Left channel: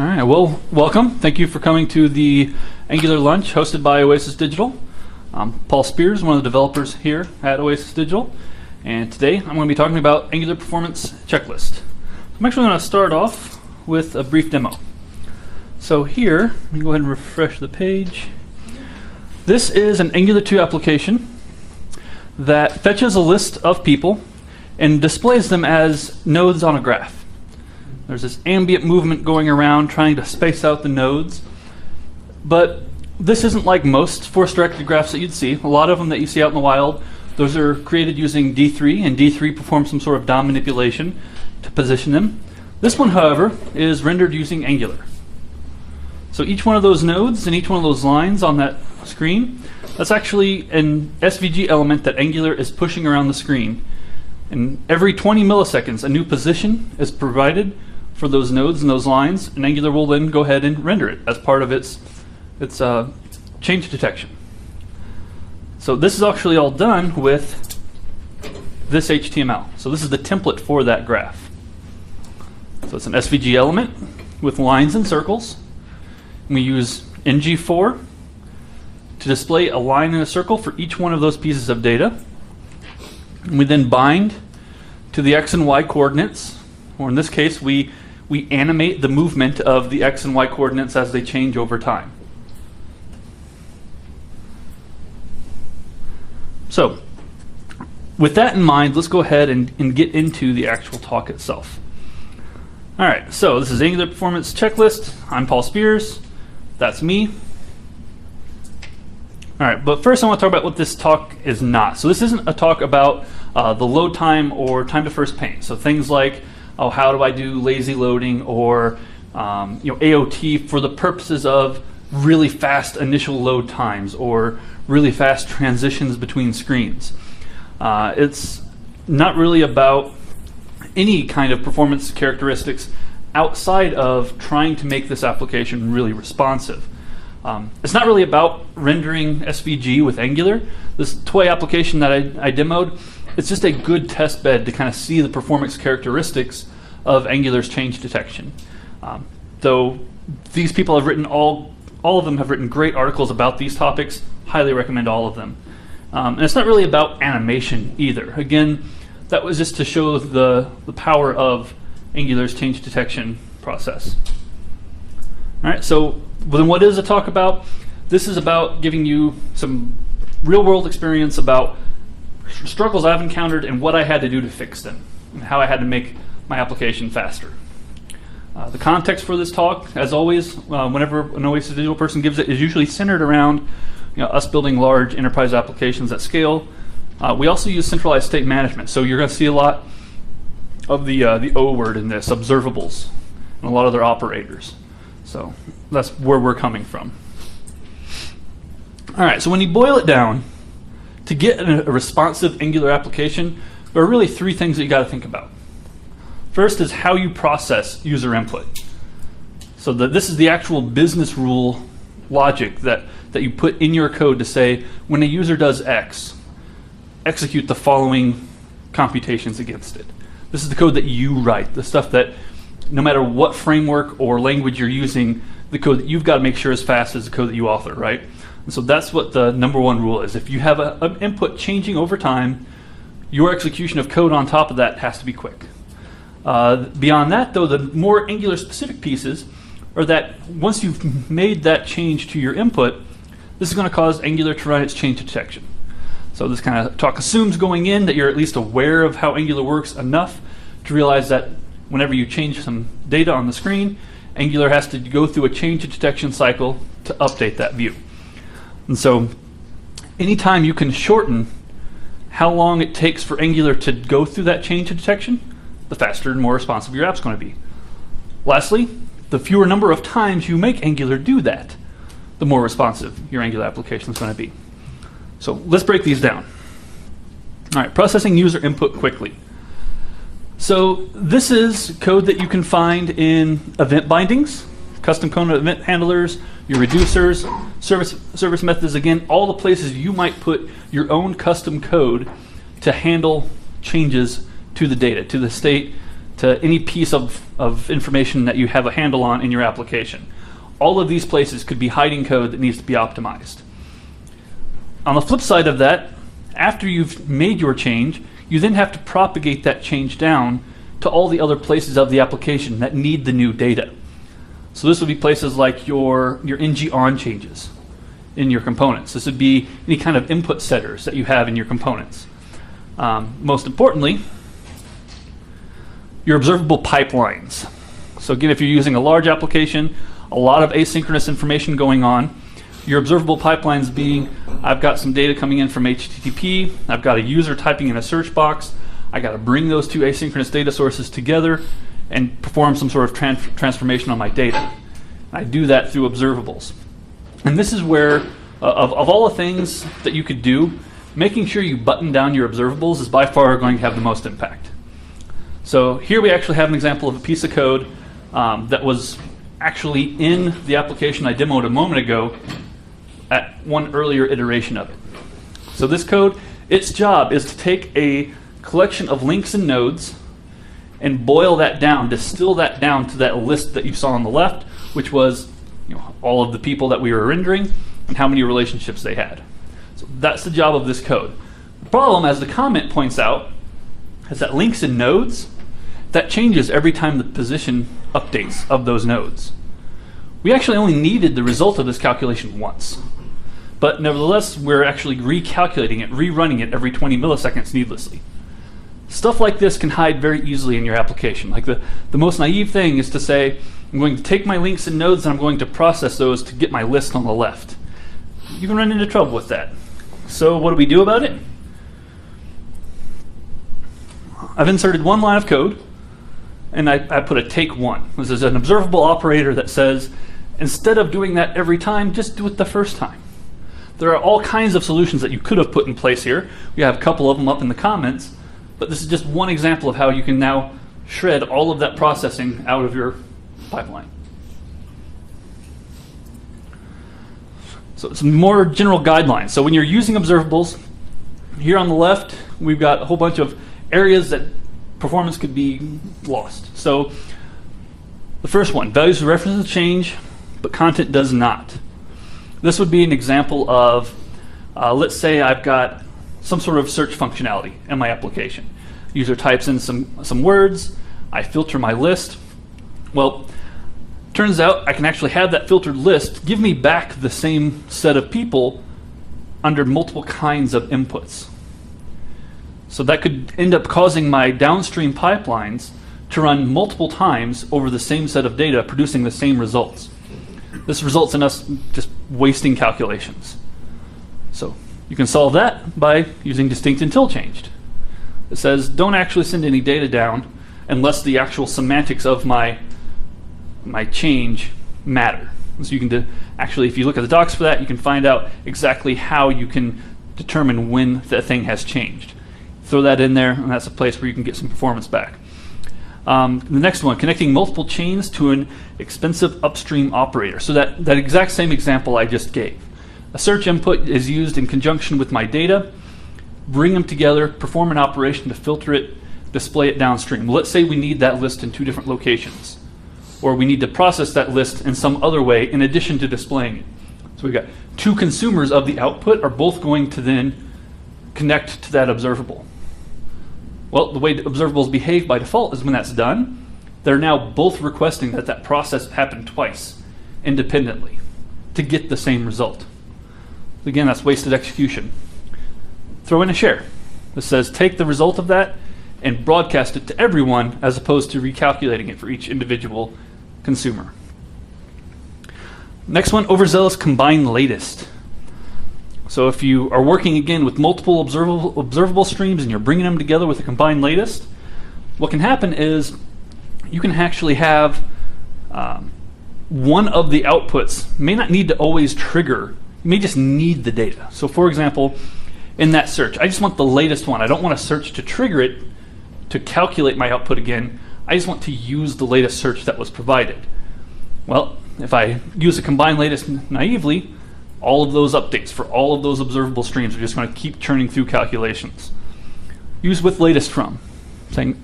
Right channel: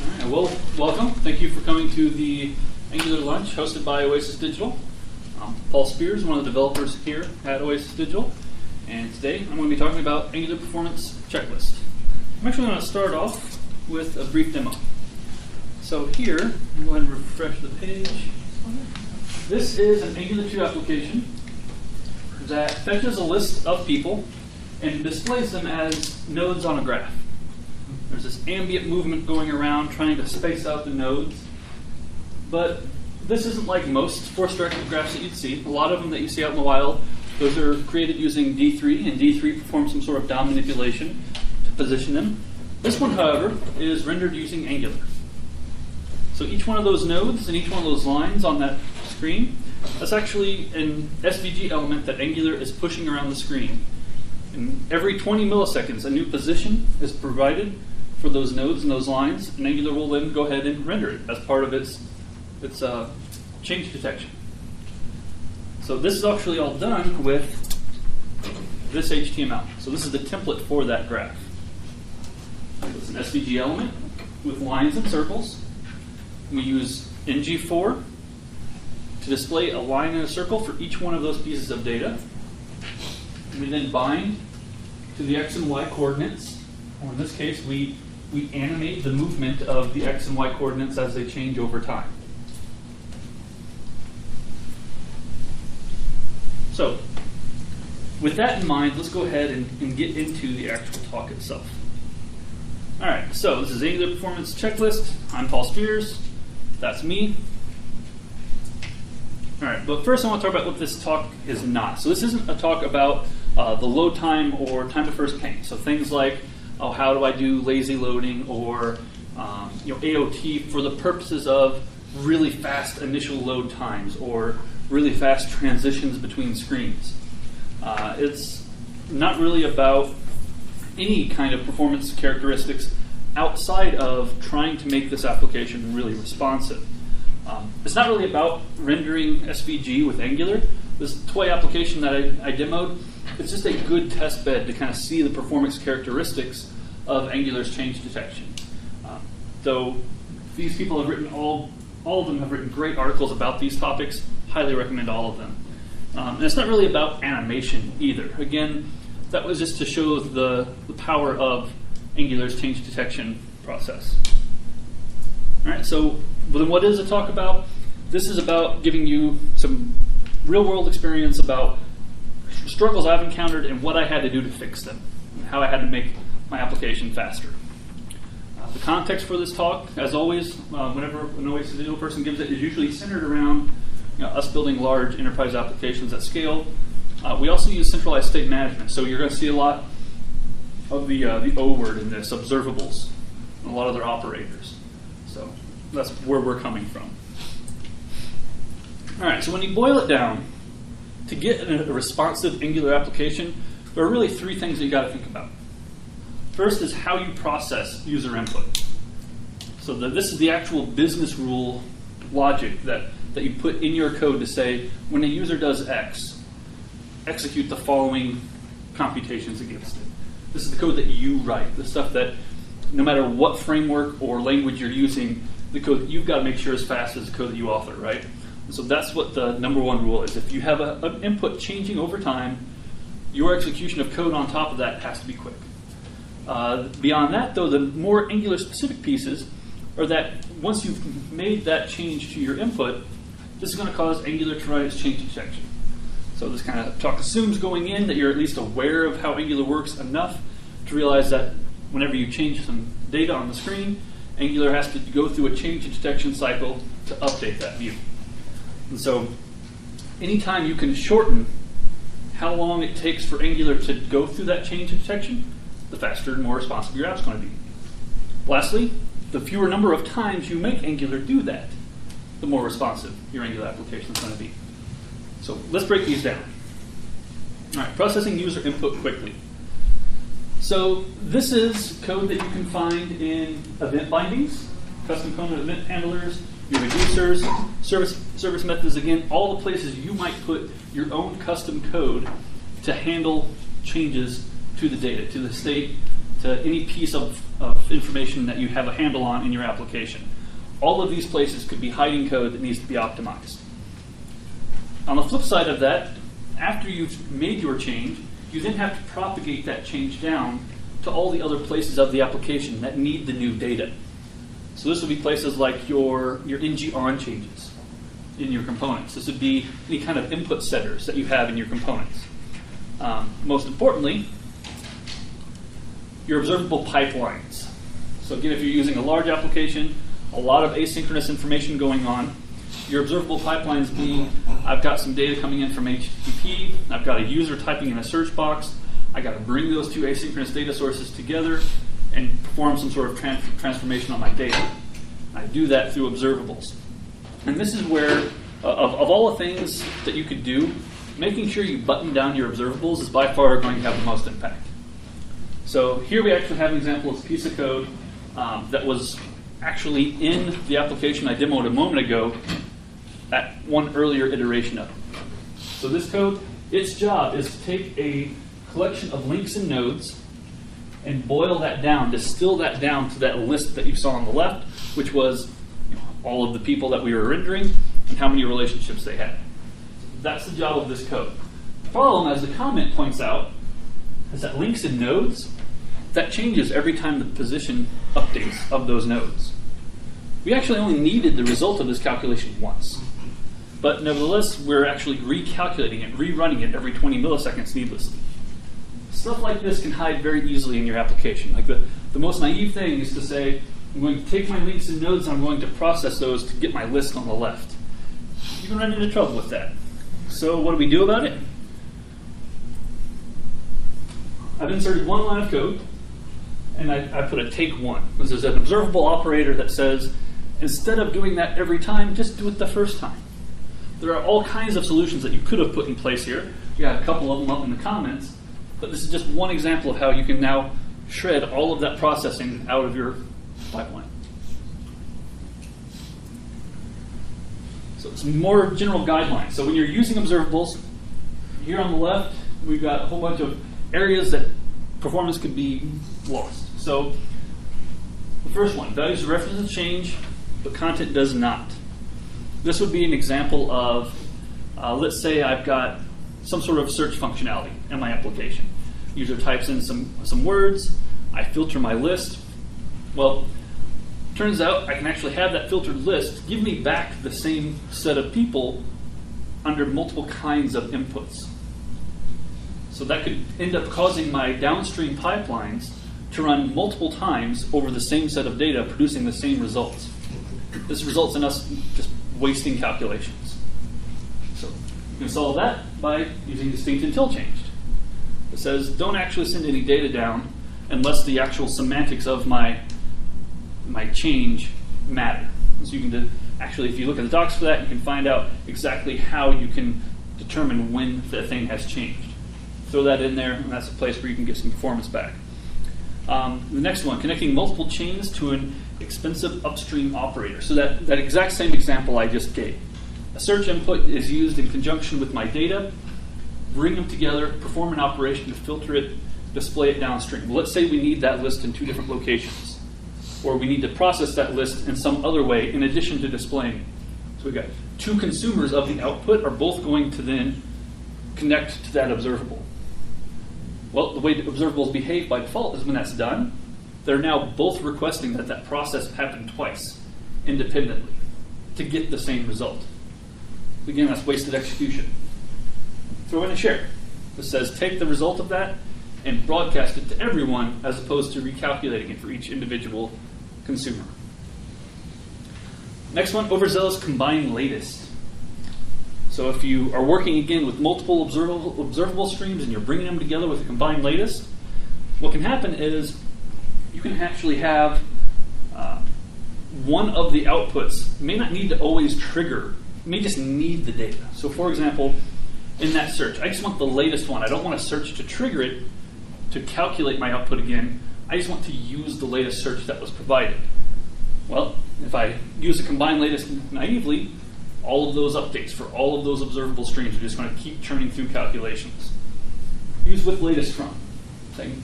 All right, well, welcome. Thank you for coming to the Angular Lunch hosted by Oasis Digital. I'm Paul Spears, one of the developers here at Oasis Digital, and today I'm going to be talking about Angular Performance Checklist. I'm actually going to start off with a brief demo. So here, let me go ahead and refresh the page. This is an Angular 2 application that fetches a list of people and displays them as nodes on a graph. There's this ambient movement going around trying to space out the nodes. But this isn't like most force-directed graphs that you'd see. A lot of them that you see out in the wild, those are created using D3, and D3 performs some sort of DOM manipulation to position them. This one, however, is rendered using Angular. So each one of those nodes and each one of those lines on that screen, that's actually an SVG element that Angular is pushing around the screen. And every 20 milliseconds, a new position is provided for those nodes and those lines, and Angular will then go ahead and render it as part of its change detection. So this is actually all done with this HTML. So this is the template for that graph. So it's an SVG element with lines and circles. And we use ng4 to display a line and a circle for each one of those pieces of data. And we then bind to the x and y coordinates, or in this case, we animate the movement of the x and y coordinates as they change over time. So, with that in mind, let's go ahead and get into the actual talk itself. All right, so this is Angular Performance Checklist. I'm Paul Spears. That's me. All right, but first I want to talk about what this talk is not. So this isn't a talk about the load time or time to first paint. So things like, oh, how do I do lazy loading or AOT for the purposes of really fast initial load times or really fast transitions between screens. It's not really about any kind of performance characteristics outside of trying to make this application really responsive. It's not really about rendering SVG with Angular. This toy application that I demoed, it's just a good test bed to kind of see the performance characteristics of Angular's change detection. Though these people have written, all of them have written great articles about these topics, highly recommend all of them. And it's not really about animation either. Again, that was just to show the power of Angular's change detection process. All right, so then what is the talk about? This is about giving you some real-world experience about struggles I've encountered and what I had to do to fix them, and how I had to make my application faster. The context for this talk, as always, whenever an Oasis Digital person gives it, is usually centered around us building large enterprise applications at scale. We also use centralized state management, so you're going to see a lot of the O word in this, observables, and a lot of their operators. So that's where we're coming from. All right, so when you boil it down, to get a responsive Angular application, there are really three things that you got to think about. First is how you process user input. So this is the actual business rule logic that you put in your code to say, when a user does X, execute the following computations against it. This is the code that you write, the stuff that no matter what framework or language you're using, the code that you've got to make sure is fast as the code that you author, right? And so that's what the number one rule is. If you have an input changing over time, your execution of code on top of that has to be quick. Beyond that, though, the more Angular-specific pieces are that once you've made that change to your input, this is going to cause Angular to run its change detection. So this kind of talk assumes going in that you're at least aware of how Angular works enough to realize that whenever you change some data on the screen, Angular has to go through a change detection cycle to update that view. And so anytime you can shorten how long it takes for Angular to go through that change detection, the faster and more responsive your app's going to be. Lastly, the fewer number of times you make Angular do that, the more responsive your Angular application is going to be. So let's break these down. All right, processing user input quickly. So this is code that you can find in event bindings, custom component event handlers, your reducers, service methods, again, all the places you might put your own custom code to handle changes to the data, to the state, to any piece of information that you have a handle on in your application. All of these places could be hiding code that needs to be optimized. On the flip side of that, after you've made your change, you then have to propagate that change down to all the other places of the application that need the new data. So this would be places like your ng on changes in your components. This would be any kind of input setters that you have in your components. Most importantly, your observable pipelines. So again, if you're using a large application, a lot of asynchronous information going on, your observable pipelines being, I've got some data coming in from HTTP, I've got a user typing in a search box, I got to bring those two asynchronous data sources together and perform some sort of transformation on my data. I do that through observables. And this is where, of all the things that you could do, making sure you button down your observables is by far going to have the most impact. So here we actually have an example of a piece of code that was actually in the application I demoed a moment ago at one earlier iteration of it. So this code, its job is to take a collection of links and nodes and boil that down, distill that down to that list that you saw on the left, which was all of the people that we were rendering and how many relationships they had. So that's the job of this code. The problem, as the comment points out, is that links and nodes, that changes every time the position updates of those nodes. We actually only needed the result of this calculation once. But nevertheless, we're actually recalculating it, rerunning it every 20 milliseconds needlessly. Stuff like this can hide very easily in your application. Like the most naive thing is to say, I'm going to take my links and nodes and I'm going to process those to get my list on the left. You can run into trouble with that. So what do we do about it? I've inserted one line of code and I put a take one. This is an observable operator that says, instead of doing that every time, just do it the first time. There are all kinds of solutions that you could have put in place here. We have a couple of them up in the comments, but this is just one example of how you can now shred all of that processing out of your pipeline. So some more general guidelines. So when you're using observables, here on the left, we've got a whole bunch of areas that performance could be lost. So the first one, values of references change, but content does not. This would be an example of, let's say I've got some sort of search functionality in my application. User types in some words, I filter my list. Well, turns out I can actually have that filtered list give me back the same set of people under multiple kinds of inputs. So that could end up causing my downstream pipelines to run multiple times over the same set of data, producing the same results. This results in us just wasting calculations. So you can solve that by using distinct until changed. It says don't actually send any data down unless the actual semantics of my change matter. So you can actually, if you look at the docs for that, you can find out exactly how you can determine when the thing has changed. Throw that in there, and that's a place where you can get some performance back. The next one, connecting multiple chains to an expensive upstream operator. So that exact same example I just gave. A search input is used in conjunction with my data, bring them together, perform an operation to filter it, display it downstream. Let's say we need that list in two different locations, or we need to process that list in some other way in addition to displaying it. So we've got two consumers of the output are both going to then connect to that observable. Well, the way observables behave by default is when that's done, they're now both requesting that that process happen twice, independently, to get the same result. Again, that's wasted execution. Throw in a share. This says take the result of that and broadcast it to everyone as opposed to recalculating it for each individual consumer. Next one, overzealous combine latest. So if you are working again with multiple observable streams and you're bringing them together with a combined latest, what can happen is you can actually have one of the outputs may not need to always trigger, may just need the data. So for example, in that search, I just want the latest one. I don't want to search to trigger it to calculate my output again. I just want to use the latest search that was provided. Well, if I use a combined latest naively, all of those updates for all of those observable streams are just going to keep churning through calculations. Use with latest from, saying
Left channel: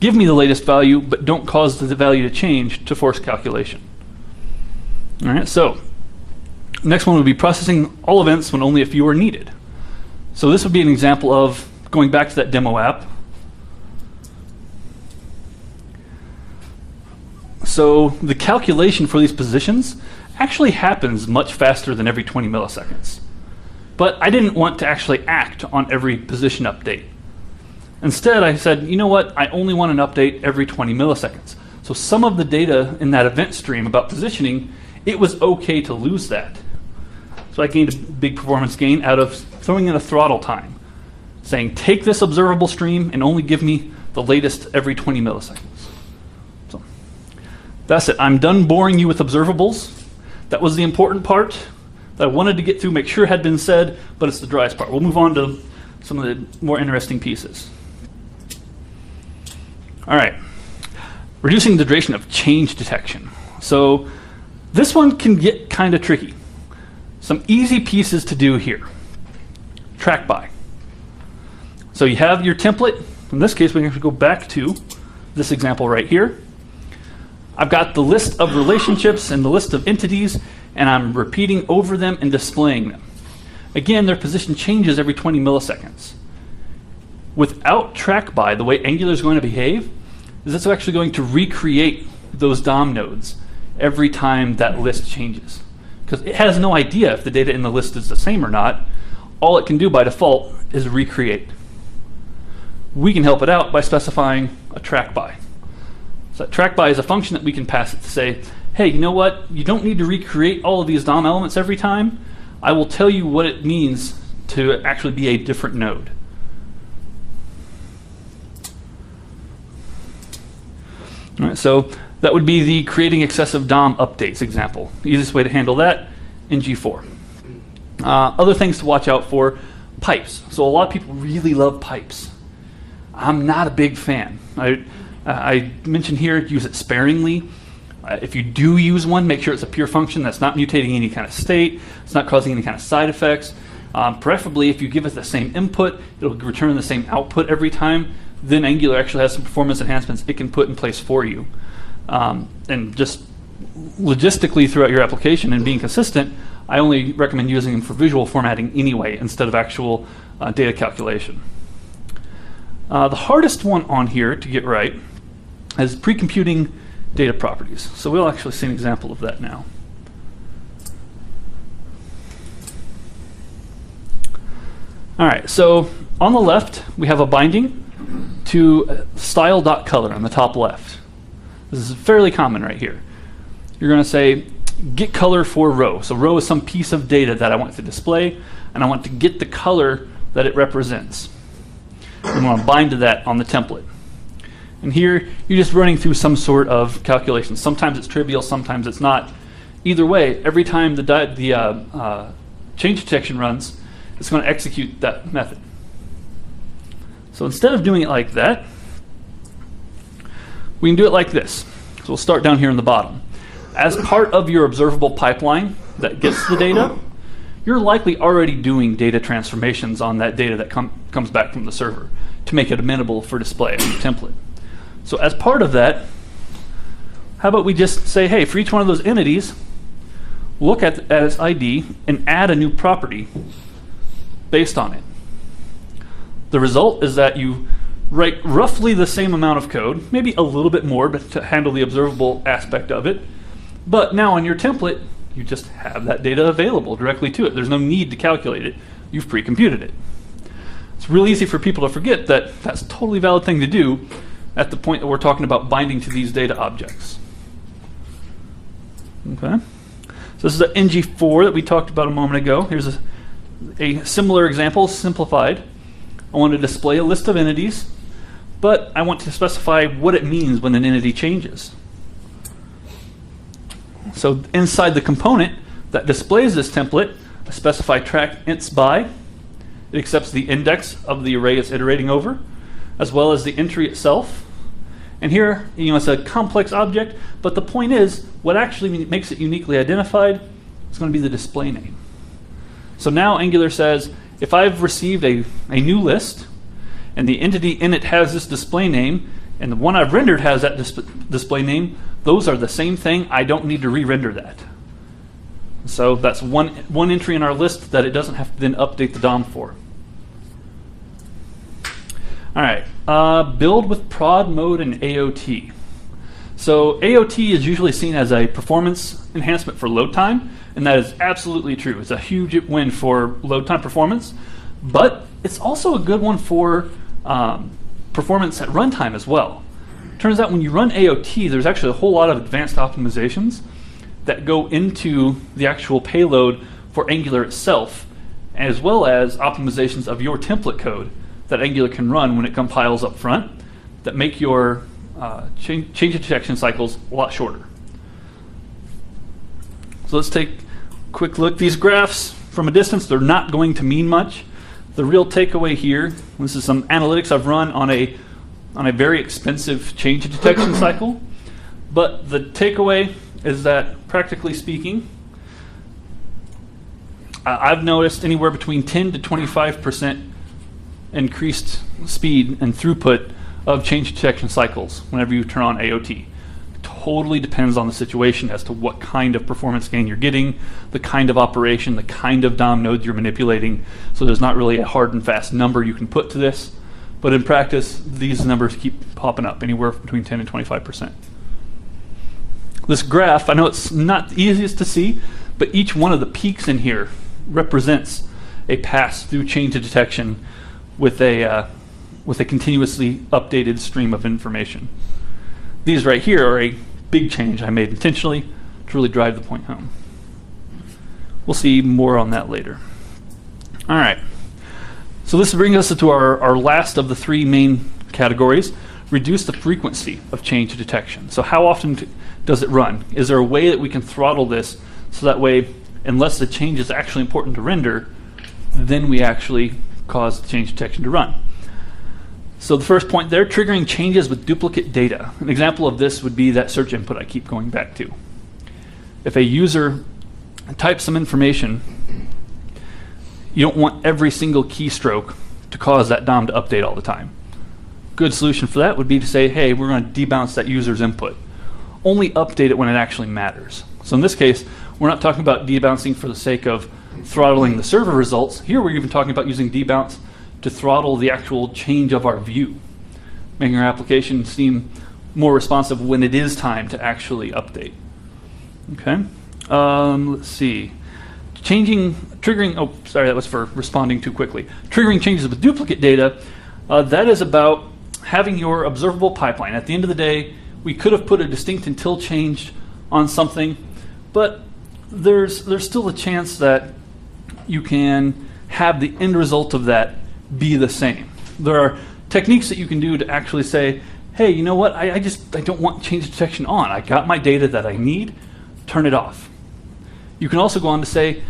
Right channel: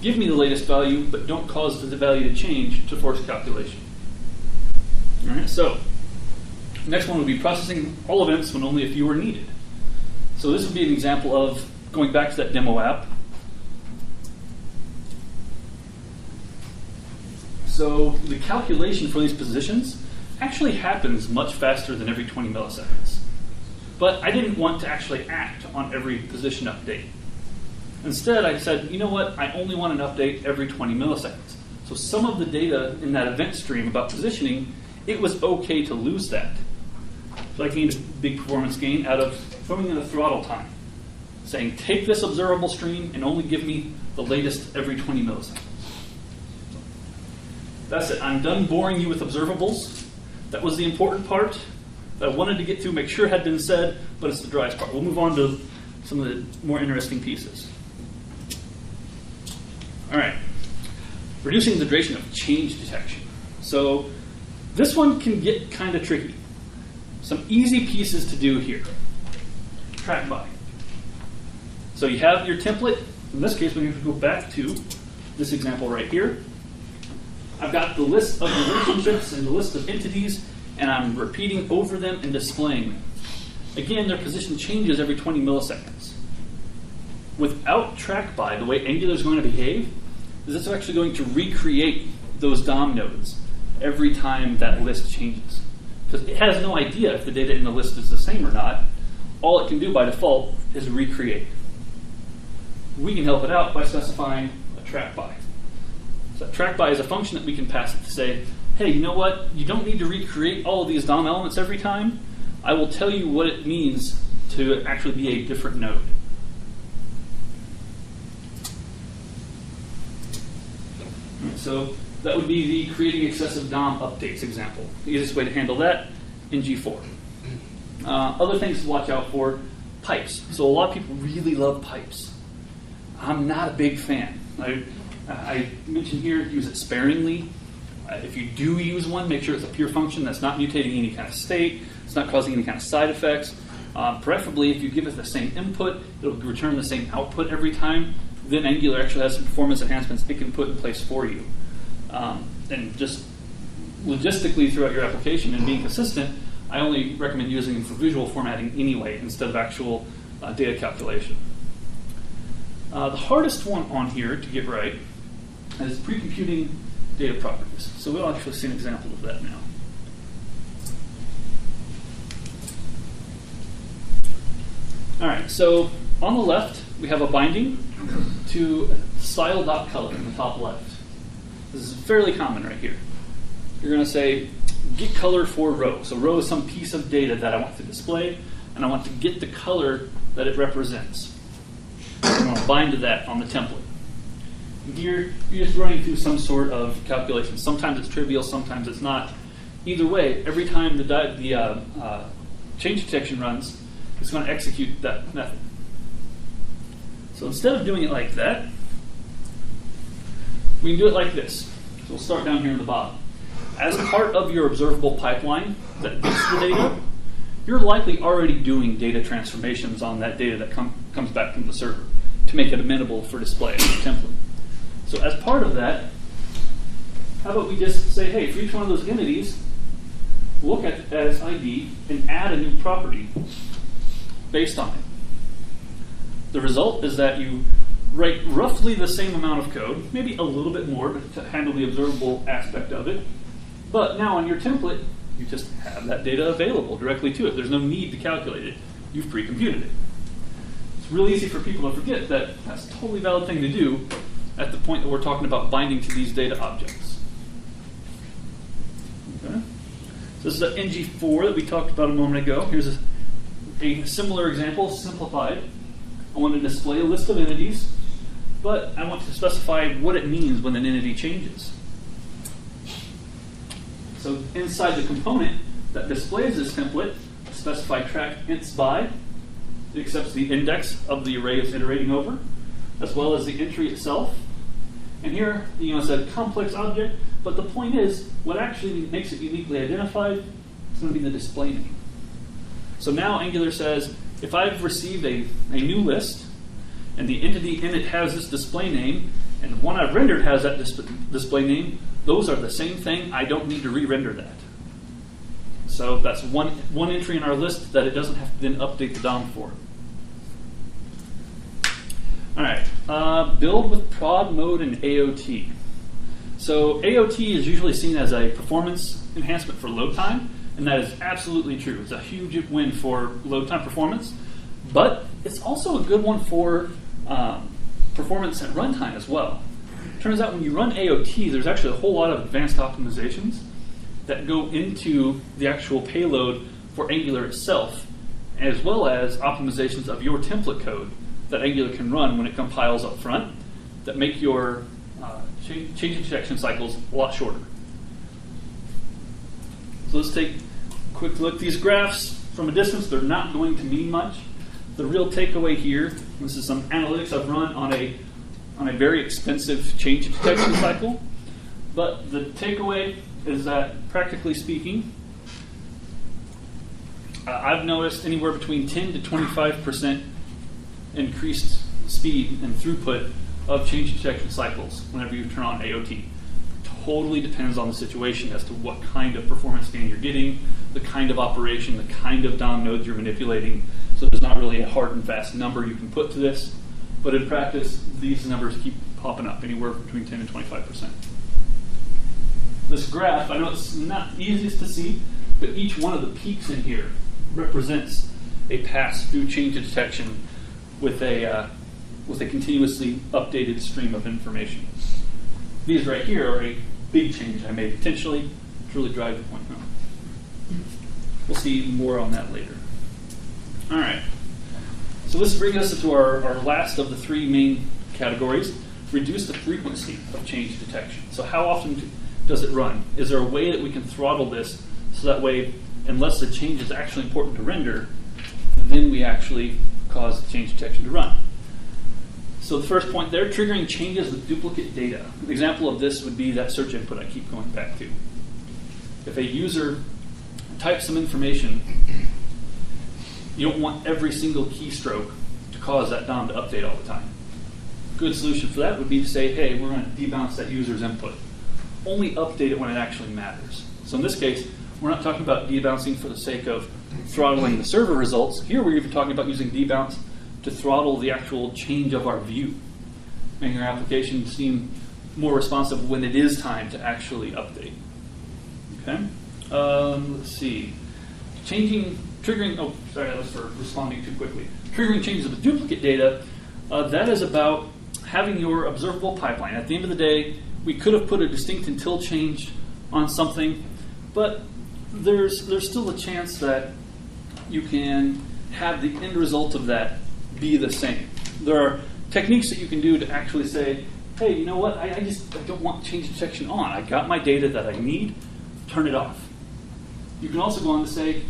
give me the latest value, but don't cause the value to change to force calculation. All right, so next one would be processing all events when only a few are needed. So this would be an example of going back to that demo app. So the calculation for these positions actually happens much faster than every 20 milliseconds. But I didn't want to actually act on every position update. Instead, I said, you know what, I only want an update every 20 milliseconds. So some of the data in that event stream about positioning, it was okay to lose that. So I gained a big performance gain out of throwing in a throttle time, saying take this observable stream and only give me the latest every 20 milliseconds. So that's it. I'm done boring you with observables. That was the important part that I wanted to get through, make sure had been said, but it's the driest part. We'll move on to some of the more interesting pieces. All right, reducing the duration of change detection. So this one can get kind of tricky. Some easy pieces to do here. TrackBy. So you have your template. In this case, we can go back to this example right here. I've got the list of relationships and the list of entities, and I'm repeating over them and displaying them. Again, their position changes every 20 milliseconds. Without TrackBy, the way Angular is going to behave is it's actually going to recreate those DOM nodes every time that list changes. Because it has no idea if the data in the list is the same or not. All it can do by default is recreate. We can help it out by specifying a TrackBy. So TrackBy is a function that we can pass it to say, hey, you know what? You don't need to recreate all of these DOM elements every time. I will tell you what it means to actually be a different node. All right, so that would be the creating excessive DOM updates example. The easiest way to handle that in G4. Other things to watch out for, pipes. So a lot of people really love pipes. I'm not a big fan. I mentioned here, use it sparingly. If you do use one, make sure it's a pure function that's not mutating any kind of state, it's not causing any kind of side effects. Preferably, if you give it the same input, it'll return the same output every time. Then Angular actually has some performance enhancements it can put in place for you. And just logistically throughout your application and being consistent, I only recommend using them for visual formatting anyway, instead of actual data calculation. The hardest one on here to get right is pre-computing data properties. So we'll actually see an example of that now. All right, so on the left, we have a binding to style.color on the top left. This is fairly common right here. You're going to say, get color for row. So row is some piece of data that I want to display, and I want to get the color that it represents. I'm going to bind to that on the template. And here, you're just running through some sort of calculation. Sometimes it's trivial, sometimes it's not. Either way, every time the change detection runs, it's going to execute that method. So instead of doing it like that, we can do it like this. So we'll start down here in the bottom. As part of your observable pipeline that gets the data, you're likely already doing data transformations on that data that comes back from the server to make it amenable for display in the template. So as part of that, how about we just say, hey, for each one of those entities, look at its ID and add a new property based on it. The result is that you write roughly the same amount of code, maybe a little bit more to handle the observable aspect of it, but now on your template, you just have that data available directly to it. There's no need to calculate it. You've pre-computed it. It's really easy for people to forget that that's a totally valid thing to do at the point that we're talking about binding to these data objects. Okay. So this is the NG4 that we talked about a moment ago. Here's a similar example, simplified. I want to display a list of entities, but I want to specify what it means when an entity changes. So inside the component that displays this template, I specify track ints by. It accepts the index of the array it's iterating over, as well as the entry itself. And here, it's a complex object, but the point is, what actually makes it uniquely identified is going to be the display name. So now Angular says, if I've received a new list, and the entity in it has this display name, And the one I've rendered has that display name. Those are the same thing. I don't need to re-render that. So that's one entry in our list that it doesn't have to then update the DOM for. All right, build with prod mode and AOT. So AOT is usually seen as a performance enhancement for load time, and that is absolutely true. It's a huge win for load time performance, but it's also a good one for performance at runtime as well. Turns out when you run AOT, there's actually a whole lot of advanced optimizations that go into the actual payload for Angular itself, as well as optimizations of your template code that Angular can run when it compiles up front that make your change detection cycles a lot shorter. So let's take a quick look. These graphs from a distance, they're not going to mean much. The real takeaway here, this is some analytics I've run on a very expensive change detection cycle, but the takeaway is that, practically speaking, I've noticed anywhere between 10 to 25% increased speed and throughput of change detection cycles whenever you turn on AOT. It totally depends on the situation as to what kind of performance gain you're getting, the kind of operation, the kind of DOM nodes you're manipulating. So there's not really a hard and fast number you can put to this. But in practice, these numbers keep popping up, anywhere between 10 and 25%. This graph, I know it's not the easiest to see, but each one of the peaks in here represents a pass through change detection with a continuously updated stream of information. These right here are a big change I made intentionally to really drive the point home. We'll see more on that later. All right. So this brings us to our last of the three main categories: reduce the frequency of change detection. So how often does it run? Is there a way that we can throttle this so that way, unless the change is actually important to render, then we actually cause the change detection to run? So the first point there, triggering changes with duplicate data. An example of this would be that search input I keep going back to. If a user types some information, you don't want every single keystroke to cause that DOM to update all the time. Good solution for that would be to say, hey, we're going to debounce that user's input. Only update it when it actually matters. So in this case, we're not talking about debouncing for the sake of throttling the server results. Here we're even talking about using debounce to throttle the actual change of our view, making our application seem more responsive when it is time to actually update. Okay, let's see. Triggering, oh, sorry, that was for responding too quickly. Triggering changes with duplicate data, that is about having your observable pipeline. At the end of the day, we could have put a distinct until change on something, but there's still a chance that you can have the end result of that be the same. There are techniques that you can do to actually say, hey, you know what, I don't want change detection on. I got my data that I need, turn it off. You can also go on to say,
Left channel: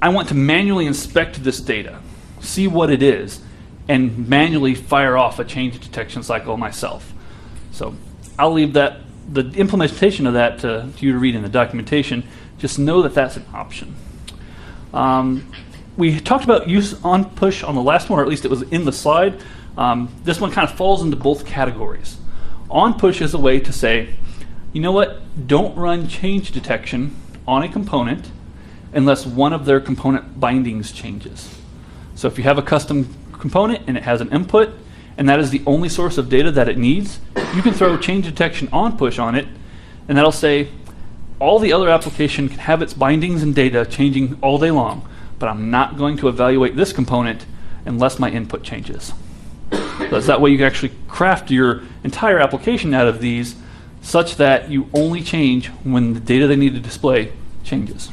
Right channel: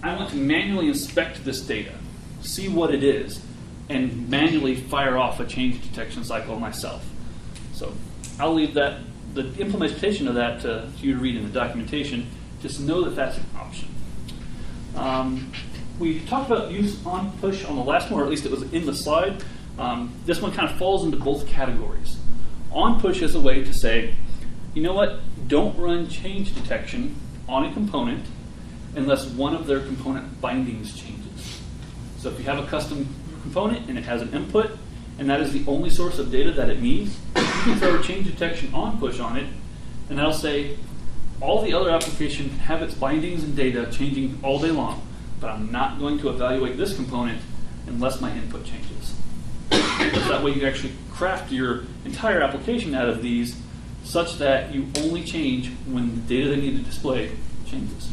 I want to manually inspect this data, see what it is, and manually fire off a change detection cycle myself. So I'll leave that, the implementation of that to you to read in the documentation. Just know that that's an option. We talked about use on push on the last one, or at least it was in the slide. This one kind of falls into both categories. On push is a way to say, you know what, don't run change detection on a component unless one of their component bindings changes. So if you have a custom component and it has an input, and that is the only source of data that it needs, you can throw a change detection on push on it, and that'll say, all the other application can have its bindings and data changing all day long, but I'm not going to evaluate this component unless my input changes. So that way you can actually craft your entire application out of these such that you only change when the data they need to display changes.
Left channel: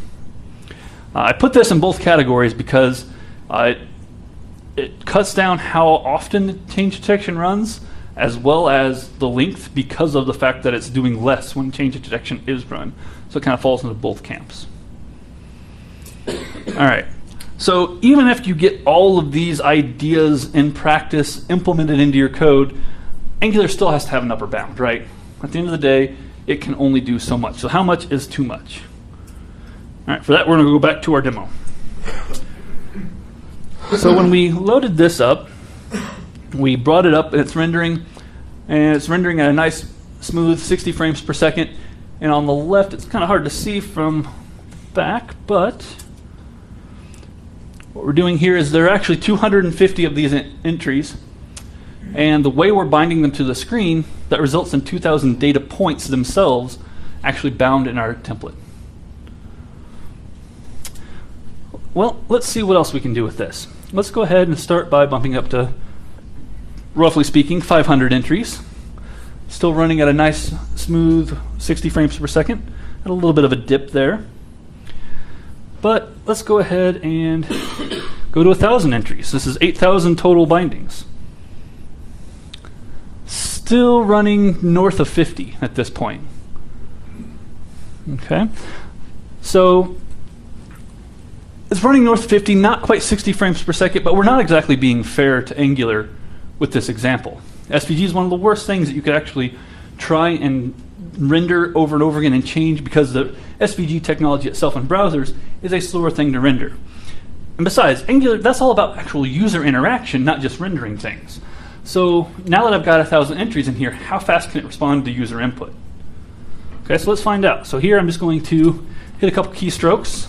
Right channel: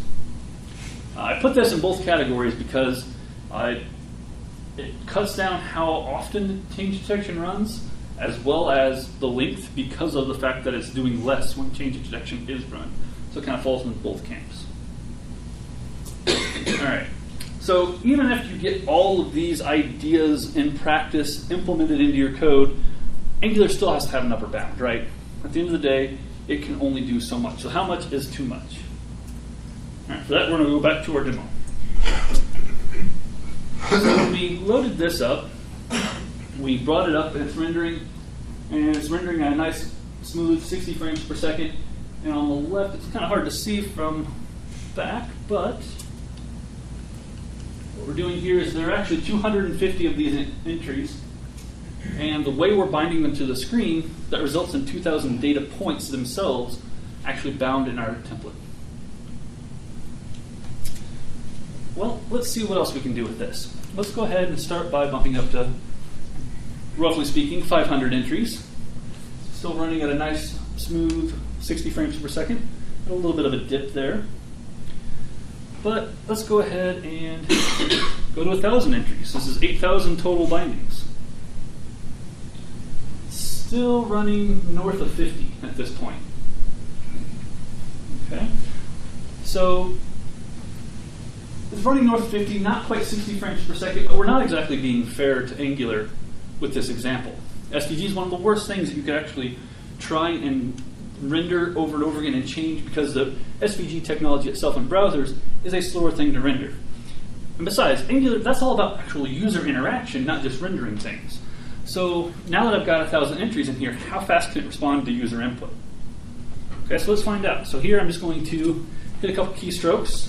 I put this in both categories because it cuts down how often change detection runs, as well as the length, because of the fact that it's doing less when change detection is run. So it kind of falls into both camps. All right. So even if you get all of these ideas in practice implemented into your code, Angular still has to have an upper bound, right? At the end of the day, it can only do so much. So how much is too much? All right, for that, we're going to go back to our demo. So when we loaded this up, we brought it up and it's rendering and it's rendering at a nice smooth 60 frames per second. And on the left, it's kind of hard to see from back, but what we're doing here is there are actually 250 of these entries, and the way we're binding them to the screen, that results in 2,000 data points themselves actually bound in our template. Well, let's see what else we can do with this. Let's go ahead and start by bumping up to, roughly speaking, 500 entries. Still running at a nice, smooth 60 frames per second, and a little bit of a dip there. But let's go ahead and go to 1,000 entries. This is 8,000 total bindings. Still running north of 50 at this point. Okay, so it's running north of 50, not quite 60 frames per second, but we're not exactly being fair to Angular with this example. SVG is one of the worst things that you could actually try and render over and over again and change, because the SVG technology itself in browsers is a slower thing to render. And besides, Angular, that's all about actual user interaction, not just rendering things. So now that I've got 1,000 entries in here, how fast can it respond to user input? Okay, so let's find out. So here I'm just going to hit a couple keystrokes,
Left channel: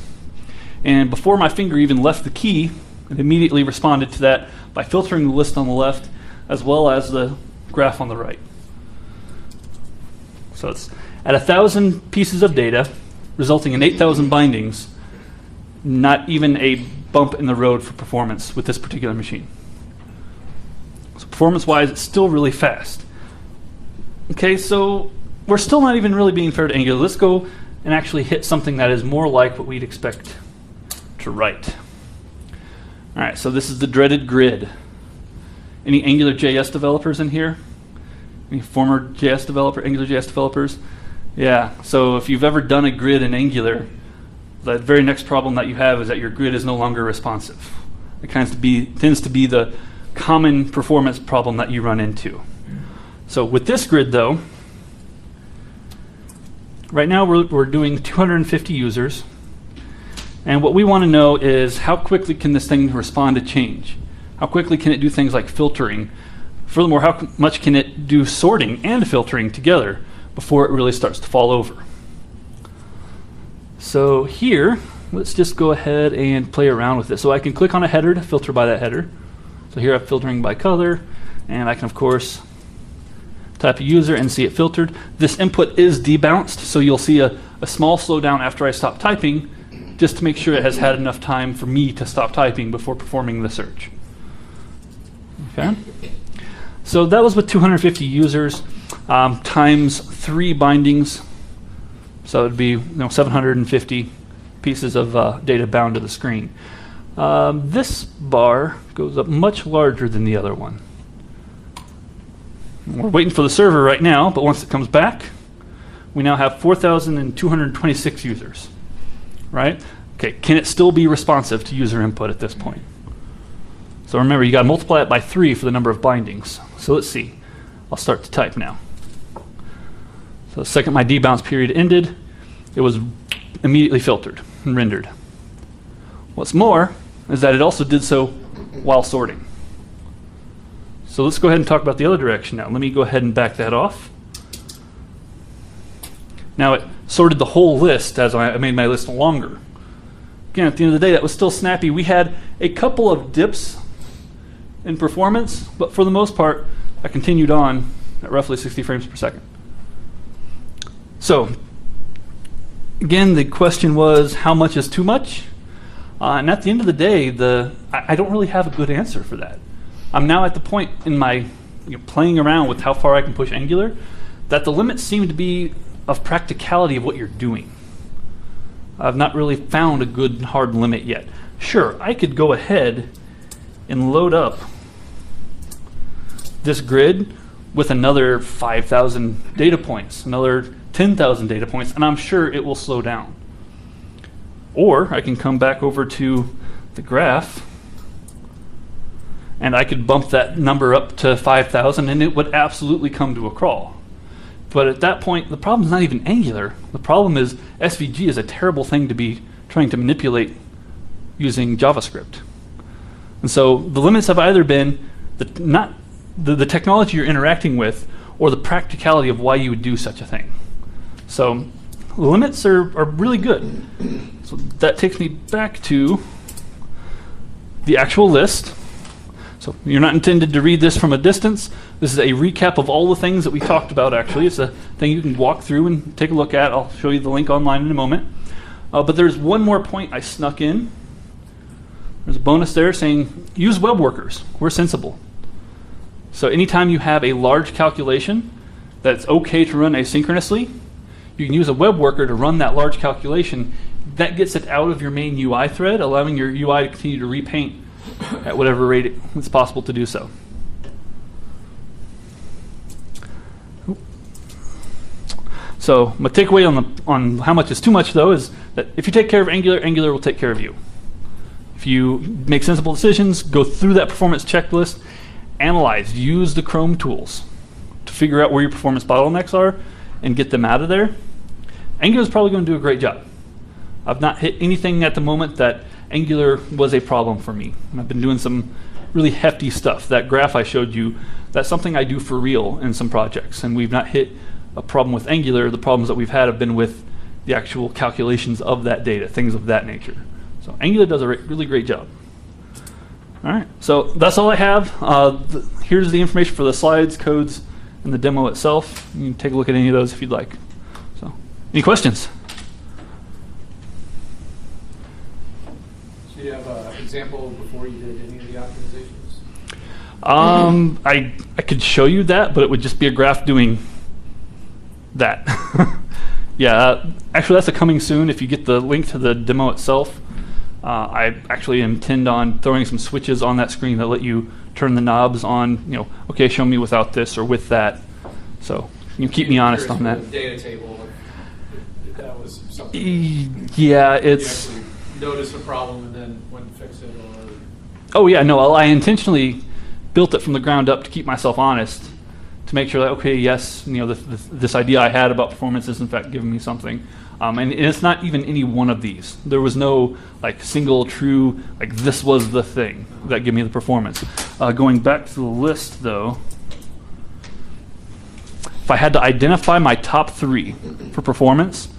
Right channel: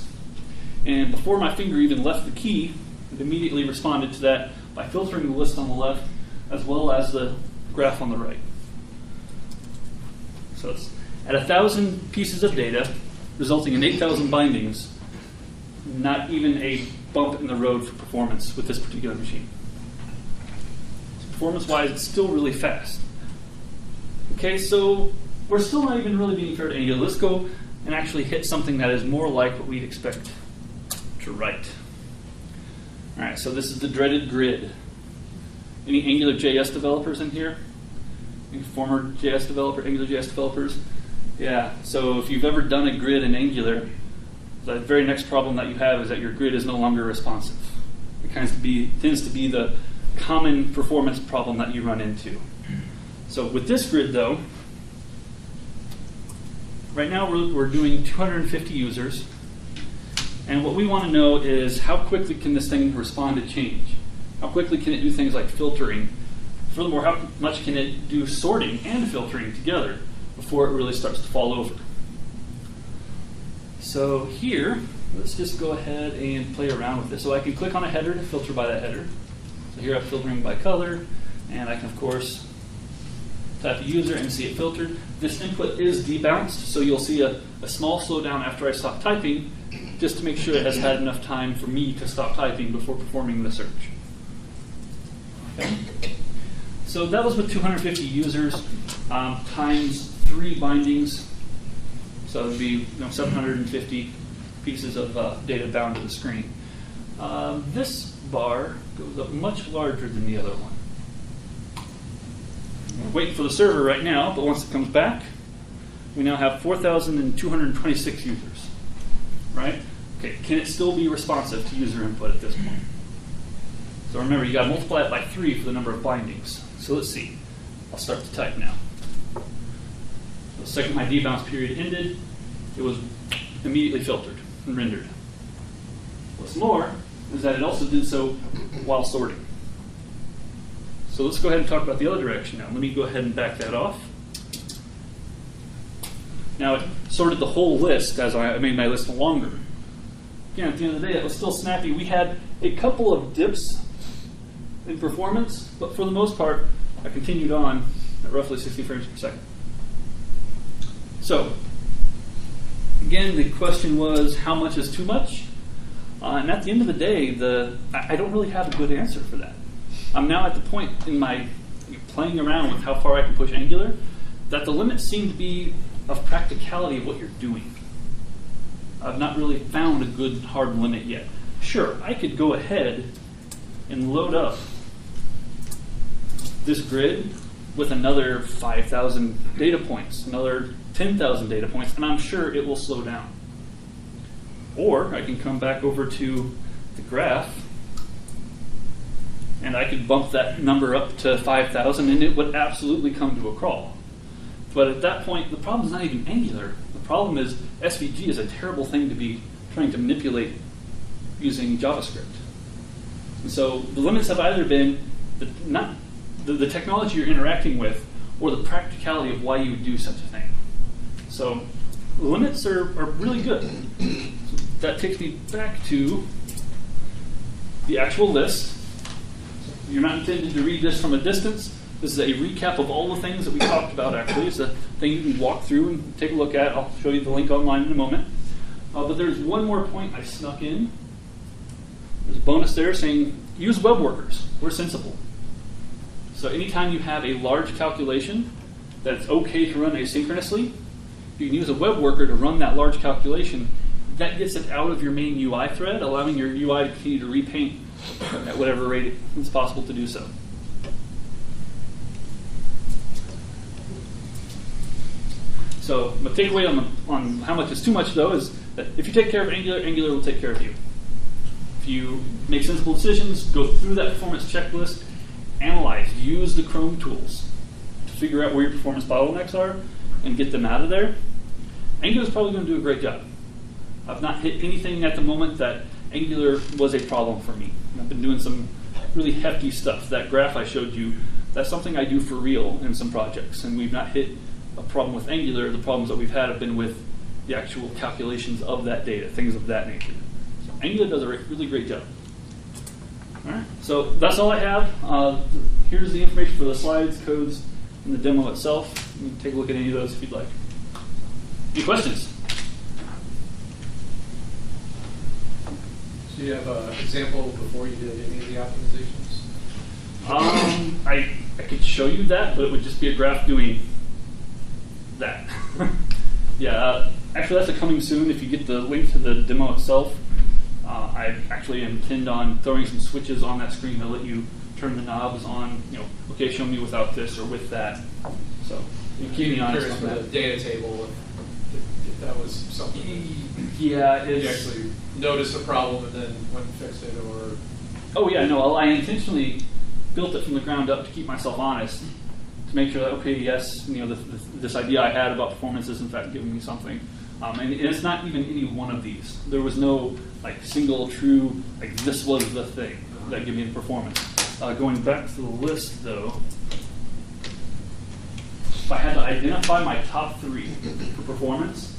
and before my finger even left the key, it immediately responded to that by filtering the list on the left as well as the graph on the right. So it's at 1,000 pieces of data, resulting in 8,000 bindings, not even a bump in the road for performance with this particular machine. So performance-wise, it's still really fast. Okay, so we're still not even really being fair to Angular. Let's go and actually hit something that is more like what we'd expect to write. All right, so this is the dreaded grid. Any AngularJS developers in here? Any former JS developer, AngularJS developers? Yeah, so if you've ever done a grid in Angular, the very next problem that you have is that your grid is no longer responsive. It tends to be the common performance problem that you run into. So with this grid though, right now we're doing 250 users, and what we want to know is how quickly can this thing respond to change? How quickly can it do things like filtering? Furthermore, how much can it do sorting and filtering together before it really starts to fall over? So here, let's just go ahead and play around with this. So I can click on a header to filter by that header. So here I'm filtering by color, and I can of course type a user and see it filtered. This input is debounced, so you'll see a small slowdown after I stop typing, just to make sure it has had enough time for me to stop typing before performing the search. Okay. So that was with 250 users times 3 bindings. So it'd be 750 pieces of data bound to the screen. This bar goes up much larger than the other one. We're waiting for the server right now, but once it comes back, we now have 4,226 users. Right? Okay, can it still be responsive to user input at this point? So remember, you got to multiply it by 3 for the number of bindings. So let's see. I'll start to type now. So the second my debounce period ended, it was immediately filtered and rendered. What's more is that it also did so while sorting. So let's go ahead and talk about the other direction now. Let me go ahead and back that off. Now it sorted the whole list as I made my list longer. Again, at the end of the day, that was still snappy. We had a couple of dips in performance, but for the most part, I continued on at roughly 60 frames per second. So, again, the question was, how much is too much? And at the end of the day, I don't really have a good answer for that. I'm now at the point in my playing around with how far I can push Angular that the limits seem to be of practicality of what you're doing. I've not really found a good hard limit yet. Sure, I could go ahead and load up this grid with another 5,000 data points, another 10,000 data points, and I'm sure it will slow down. Or I can come back over to the graph, and I could bump that number up to 5,000, and it would absolutely come to a crawl. But at that point, the problem is not even Angular. The problem is SVG is a terrible thing to be trying to manipulate using JavaScript. And so the limits have either been the technology you're interacting with, or the practicality of why you would do such a thing. So limits are really good. So that takes me back to the actual list. So you're not intended to read this from a distance. This is a recap of all the things that we talked about, actually. It's a thing you can walk through and take a look at. I'll show you the link online in a moment. But there's one more point I snuck in. There's a bonus there saying, use web workers. We're sensible. So anytime you have a large calculation that's okay to run asynchronously, you can use a web worker to run that large calculation. That gets it out of your main UI thread, allowing your UI to continue to repaint at whatever rate it's possible to do so. So my takeaway on how much is too much, though, is that if you take care of Angular, Angular will take care of you. If you make sensible decisions, go through that performance checklist, analyze, use the Chrome tools to figure out where your performance bottlenecks are and get them out of there, Angular is probably going to do a great job. I've not hit anything at the moment that Angular was a problem for me. I've been doing some really hefty stuff. That graph I showed you, that's something I do for real in some projects, and we've not hit a problem with Angular. The problems that we've had have been with the actual calculations of that data, things of that nature. So Angular does a really great job. All right, so that's all I have. Here's the information for the slides, codes, and the demo itself. You can take a look at any of those if you'd like. So, any questions? Do you have an example before you did any of the optimizations? I could show you that, but it would just be a graph doing that. Yeah, actually that's a coming soon. If you get the link to the demo itself, I actually intend on throwing some switches on that screen that let you turn the knobs on, okay, show me without this or with that. So you keep me honest on that. The data table, if that was something. Yeah, it's. You actually noticed a problem and then went and fixed it, or. Oh yeah, no, I intentionally built it from the ground up to keep myself honest, to make sure that, okay, yes, this idea I had about performance is in fact giving me something. And it's not even any one of these. There was no single true, this was the thing that gave me the performance. Going back to the list though, if I had to identify my top 3 for performance,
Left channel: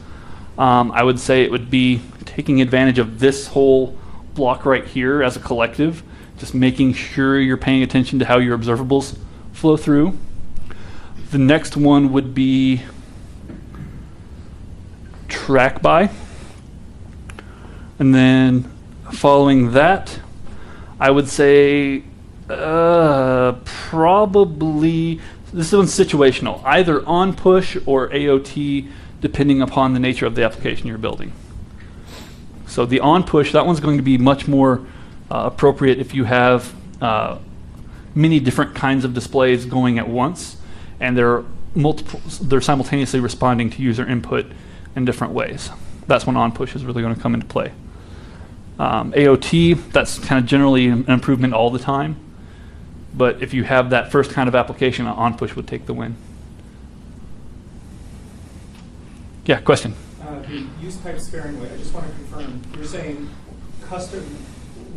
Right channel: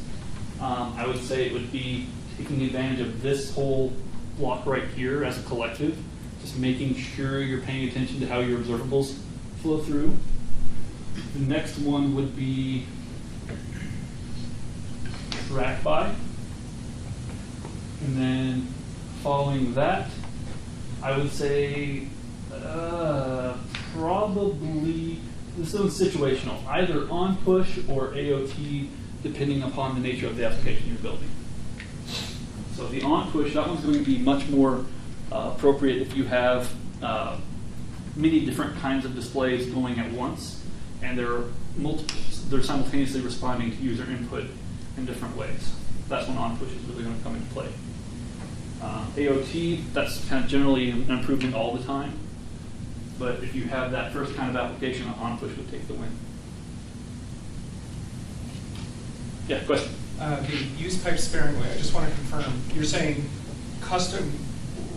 I would say it would be taking advantage of this whole block right here as a collective, just making sure you're paying attention to how your observables flow through. The next one would be TrackBy. And then following that, I would say probably, this one's situational, either on push or AOT, depending upon the nature of the application you're building. So the on push, that one's going to be much more appropriate if you have many different kinds of displays going at once, and they're simultaneously responding to user input in different ways. That's when on push is really going to come into play. AOT, that's kind of generally an improvement all the time, but if you have that first kind of application, on push would take the win. Yeah, question? The use pipe sparingly, I just want to confirm, you're saying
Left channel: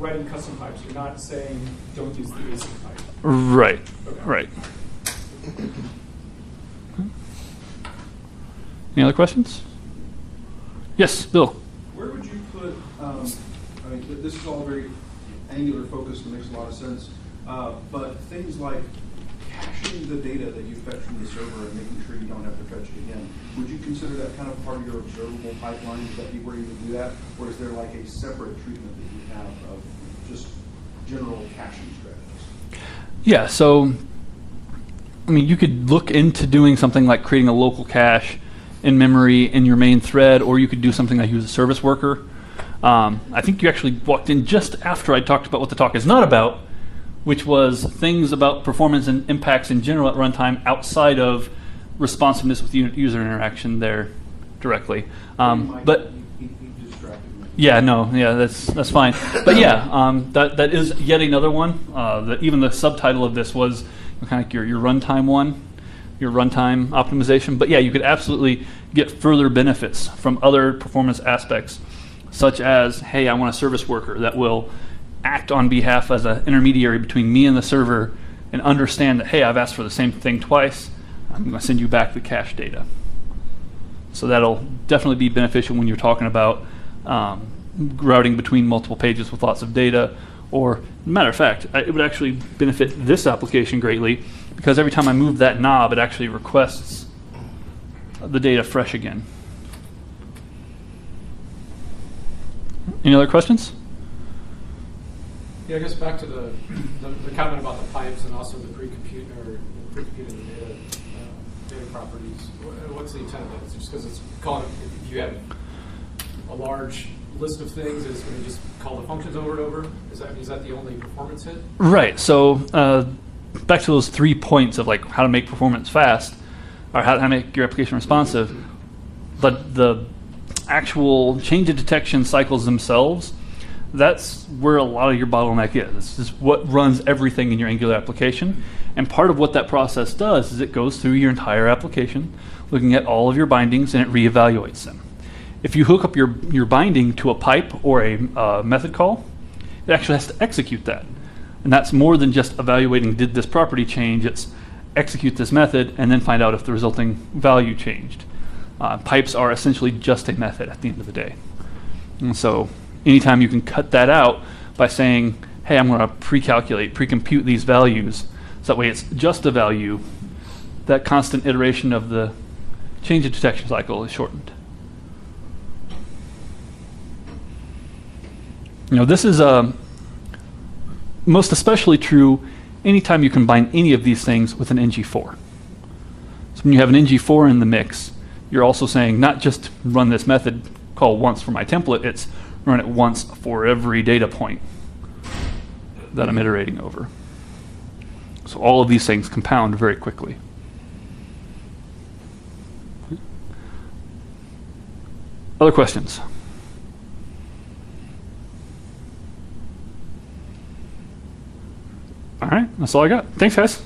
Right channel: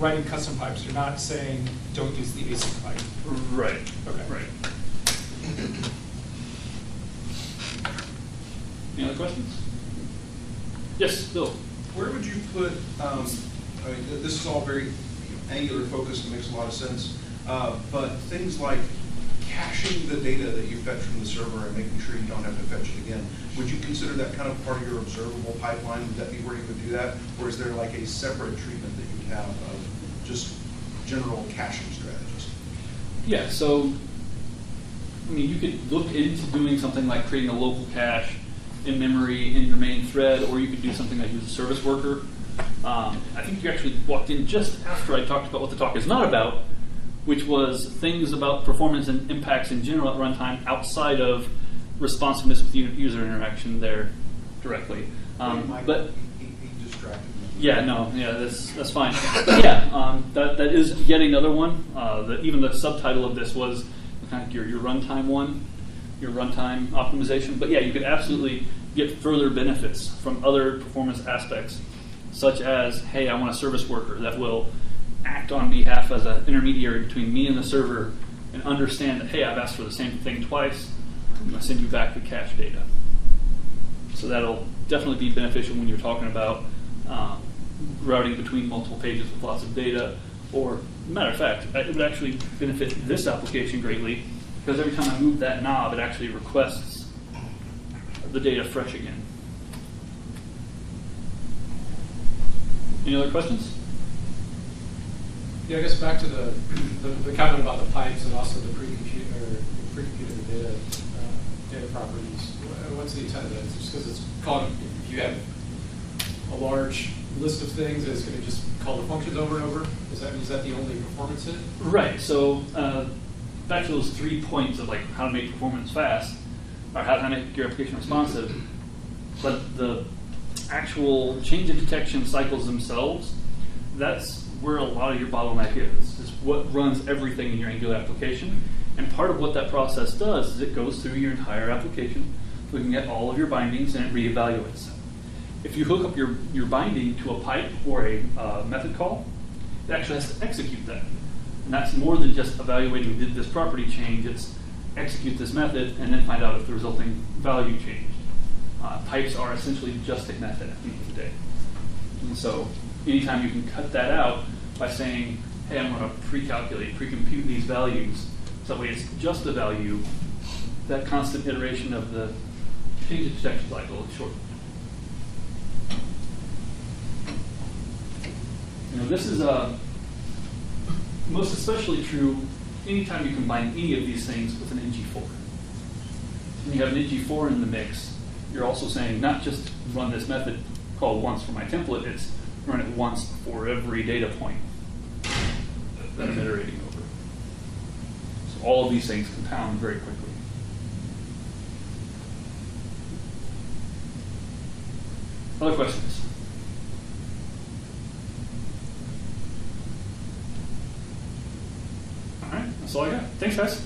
writing custom pipes, you're not saying don't use the async pipe. Right, Okay. Right. Any other questions? Yes, Bill. Where would you put, this is all very Angular focused and makes a lot of sense, but things like caching the data that you fetch from the server and making sure you don't have to fetch it again, would you consider that kind of part of your observable pipeline? Would that be where you would do that? Or is there a separate treatment that you'd have of just general caching strategies? Yeah, so, you could look into doing something like creating a local cache in memory in your main thread, or you could do something like use a service worker. I think you actually walked in just after I talked about what the talk is not about, which was things about performance and impacts in general at runtime outside of responsiveness with user interaction there directly. But he distracted me. yeah, no, yeah, that's fine. But yeah, that is yet another one. Even the subtitle of this was kind of your runtime one, your runtime optimization. But yeah, you could absolutely get further benefits from other performance aspects, such as, hey, I want a service worker that will act on behalf as an intermediary between me and the server and understand that, hey, I've asked for the same thing twice. I'm going to send you back the cache data. So that'll definitely be beneficial when you're talking about routing between multiple pages with lots of data. Or, matter of fact, it would actually benefit this application greatly because every time I move that knob, it actually requests the data fresh again. Any other questions? Yeah, I guess back to the comment about the pipes and also the pre-computed data properties. What's the intent of that? Is it just because it's calling, if you have a large list of things, it's going to just call the functions over and over? Is that the only performance hit? Right. So back to those 3 points of like how to make performance fast, or how to make your application responsive. But the actual change of detection cycles themselves, that's where a lot of your bottleneck is. This is what runs everything in your Angular application. And part of what that process does is it goes through your entire application, looking at all of your bindings, and it reevaluates them. If you hook up your binding to a pipe or a method call, it actually has to execute that. And that's more than just evaluating, did this property change? It's execute this method and then find out if the resulting value changed. Pipes are essentially just a method at the end of the day. And so anytime you can cut that out by saying, hey, I'm going to pre-compute these values, so that way it's just a value, that constant iteration of the change of detection cycle is shortened. This is most especially true anytime you combine any of these things with an ng4. So when you have an ng4 in the mix, you're also saying not just run this method call once for my template, it's run it once for every data point that I'm iterating over. So all of these things compound very quickly. Other questions? All right, that's all I got. Thanks, guys.